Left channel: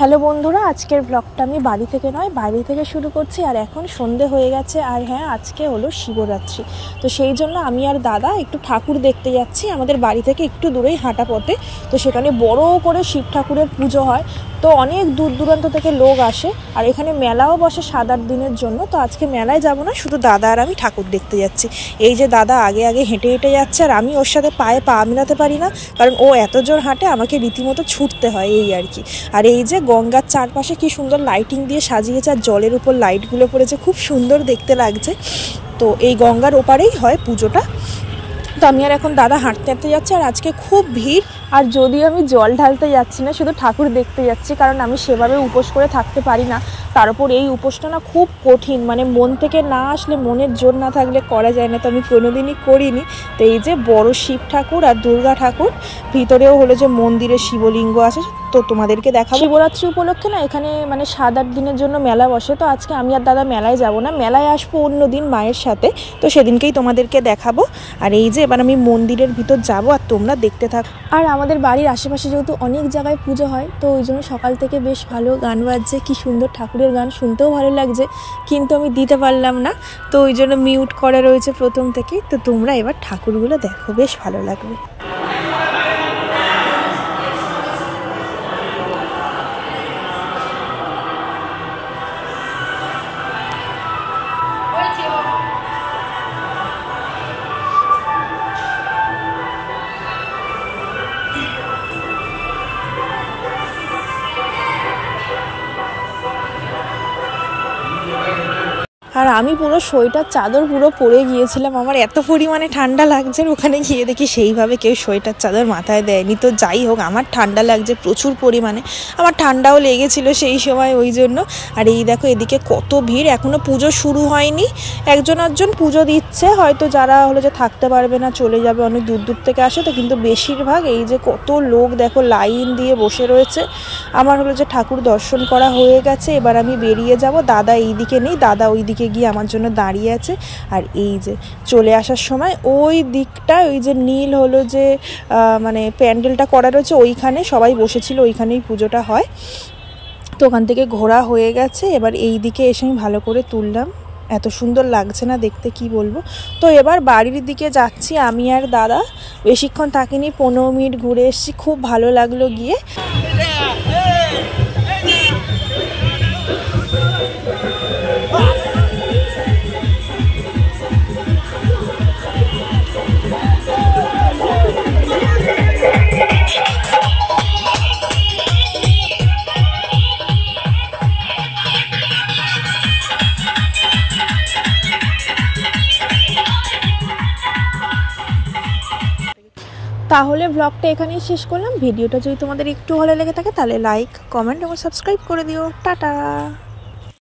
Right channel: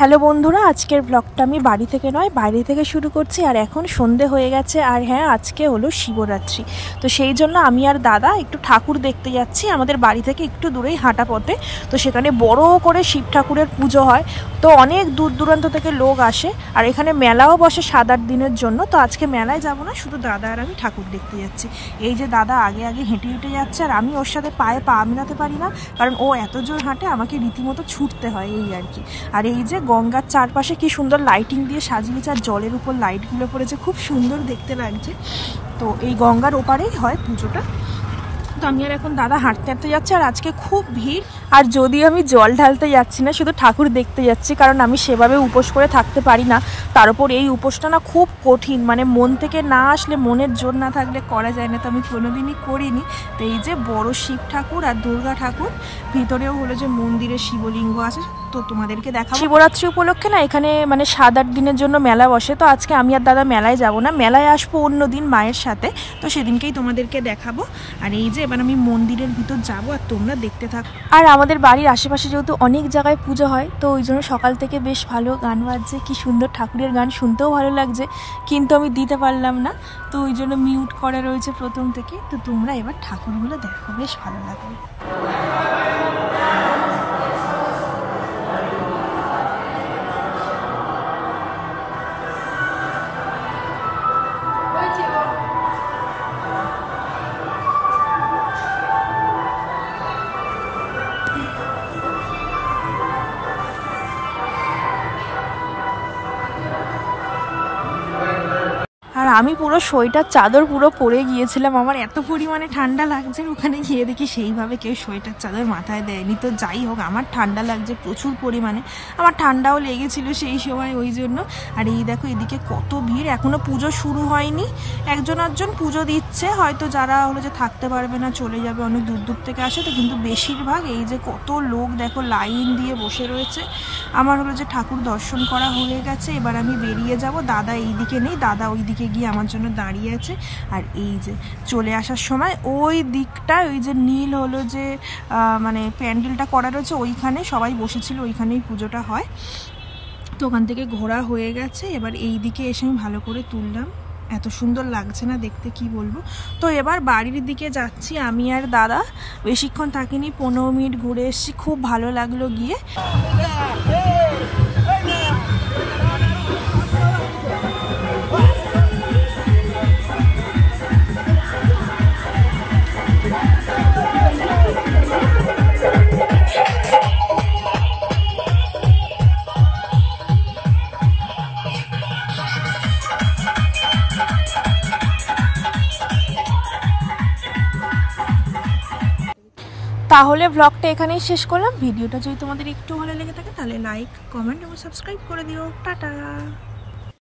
Hello বন্ধুরা, আজকের ব্লগটা আমি বাড়ি থেকে নয় বাইরে থেকে শুরু করছি। আর এখন সন্ধে হয়ে গেছে, আর হ্যাঁ আজকে হলো শিবরাত্রি। তো সেই জন্য আমি আর দাদা একটু ঠাকুর দেখতে যাচ্ছি আমাদের বাড়ি থেকে একটু দূরেই হাঁটা পথে। তো সেখানে বড় করে শিব ঠাকুরের পুজো হয়, তো অনেক দূর দূরান্ত থেকে লোক আসে। আর এখানে মেলাও বসে 7-8 দিনের জন্য। তো আজকে মেলায় যাব না, শুধু দাদা আর আমি ঠাকুর দেখতে যাচ্ছি। এই যে দাদা আগে আগে হেঁটে হেঁটে যাচ্ছে, আর আমি ওর সাথে পায়ে পা মেলাতে পারি না, কারণ ও এত জোর হাঁটে, আমাকে রীতিমতো ছুটতে হয় এই আর কি। আর এই যে গঙ্গার চারপাশে কি সুন্দর লাইটিং দিয়ে সাজিয়েছে, আর জলের উপর লাইটগুলো পড়েছে, খুব সুন্দর দেখতে লাগছে। তো এই গঙ্গার ওপারেই হয় পুজোটা। তো আমি আর এখন দাদা হাঁটতে হাঁটতে যাচ্ছে, আর আজকে খুব ভিড়। আর যদিও আমি জল ঢালতে যাচ্ছি না, শুধু ঠাকুর দেখতে যাচ্ছি, কারণ আমি সেভাবে উপোস করে থাকতে পারি না। তার উপর এই উপোসটা না খুব কঠিন, মানে মন থেকে না আসলে, মনের জোর না থাকলে করা যায় না। তো আমি কোনোদিনই করিনি। তো এই যে বড় শিব ঠাকুর আর দুর্গা ঠাকুর, ভিতরেও হলো যে মন্দিরে শিবলিঙ্গ আছে, তো তোমাদেরকে দেখাবো। শিবরাত্রি উপলক্ষে না এখানে মানে 7-8 দিনের জন্য মেলা বসে। তো আজকে আমি আর দাদা মেলায় যাব না, মেলায় আসবো অন্য দিন মায়ের সাথে, তো সেদিনকেই তোমাদেরকে দেখাবো। আর এই যে এবার আমি মন্দিরের ভিতর যাব, আর তোমরা দেখতে থাকো। আর আমাদের বাড়ির আশেপাশে যেহেতু অনেক জায়গায় পুজো হয়, তো ওই জন্য সকাল থেকে বেশ ভালো গান বাজছে, কি সুন্দর ঠাকুরের গান, শুনতেও ভালো লাগছে, কিন্তু আমি দিতে পারলাম না, তো ওই জন্য মিউট করা রয়েছে প্রথম থেকেই। তো তোমরা এবার ঠাকুরগুলো দেখো, বেশ ভালো লাগবে। আর আমি পুরো সোয়েটার চাদর পুরো পরে গিয়েছিলাম, আমার এত পরিমাণে ঠান্ডা লাগছে। ওখানে গিয়ে দেখি সেইভাবে কেউ সোয়েটার চাদর মাথায় দেয়নি। তো যাই হোক, আমার ঠান্ডা লাগছে প্রচুর পরিমাণে, আমার ঠান্ডাও লেগেছিল সেই সময়, ওই জন্য। আর এই দেখো এদিকে কত ভিড়, এখনও পুজো শুরু হয়নি। একজন পুজো দিচ্ছে, হয়তো যারা হলো যে থাকতে পারবে না চলে যাবে, অনেক দূর দূর থেকে আসে তো, কিন্তু বেশিরভাগ এই যে কত লোক দেখো লাইন দিয়ে বসে রয়েছে। আমার হলো যে ঠাকুর দর্শন করা হয়ে গেছে, এবার আমি বেরিয়ে যাব। দাদা এই দিকে নেই, দাদা ওই দিকে গিয়ে আমার জন্য দাঁড়িয়ে আছে। আর এই যে চলে আসার সময় ওই দিকটা, ওই যে নীল হলো যে মানে প্যান্ডেলটা করা রয়েছে, ওইখানে সবাই বসেছিল, ওইখানেই পুজোটা হয়। তো ওখান থেকে ঘোরা হয়ে গেছে, এবার এই দিকে এসে আমি ভালো করে তুললাম, এত সুন্দর লাগছে না দেখতে, কি বলবো। তো এবার বাড়ির দিকে যাচ্ছি আমি আর দাদা, বেশিক্ষণ থাকিনি, 15 মিনিট ঘুরে এসেছি, খুব ভালো লাগলো গিয়ে। তাহলে ব্লগটা এখানেই শেষ করলাম। ভিডিওটা যদি তোমাদের একটু ভালো লেগে থাকে তাহলে লাইক, কমেন্ট এবং সাবস্ক্রাইব করে দিও। টাটা।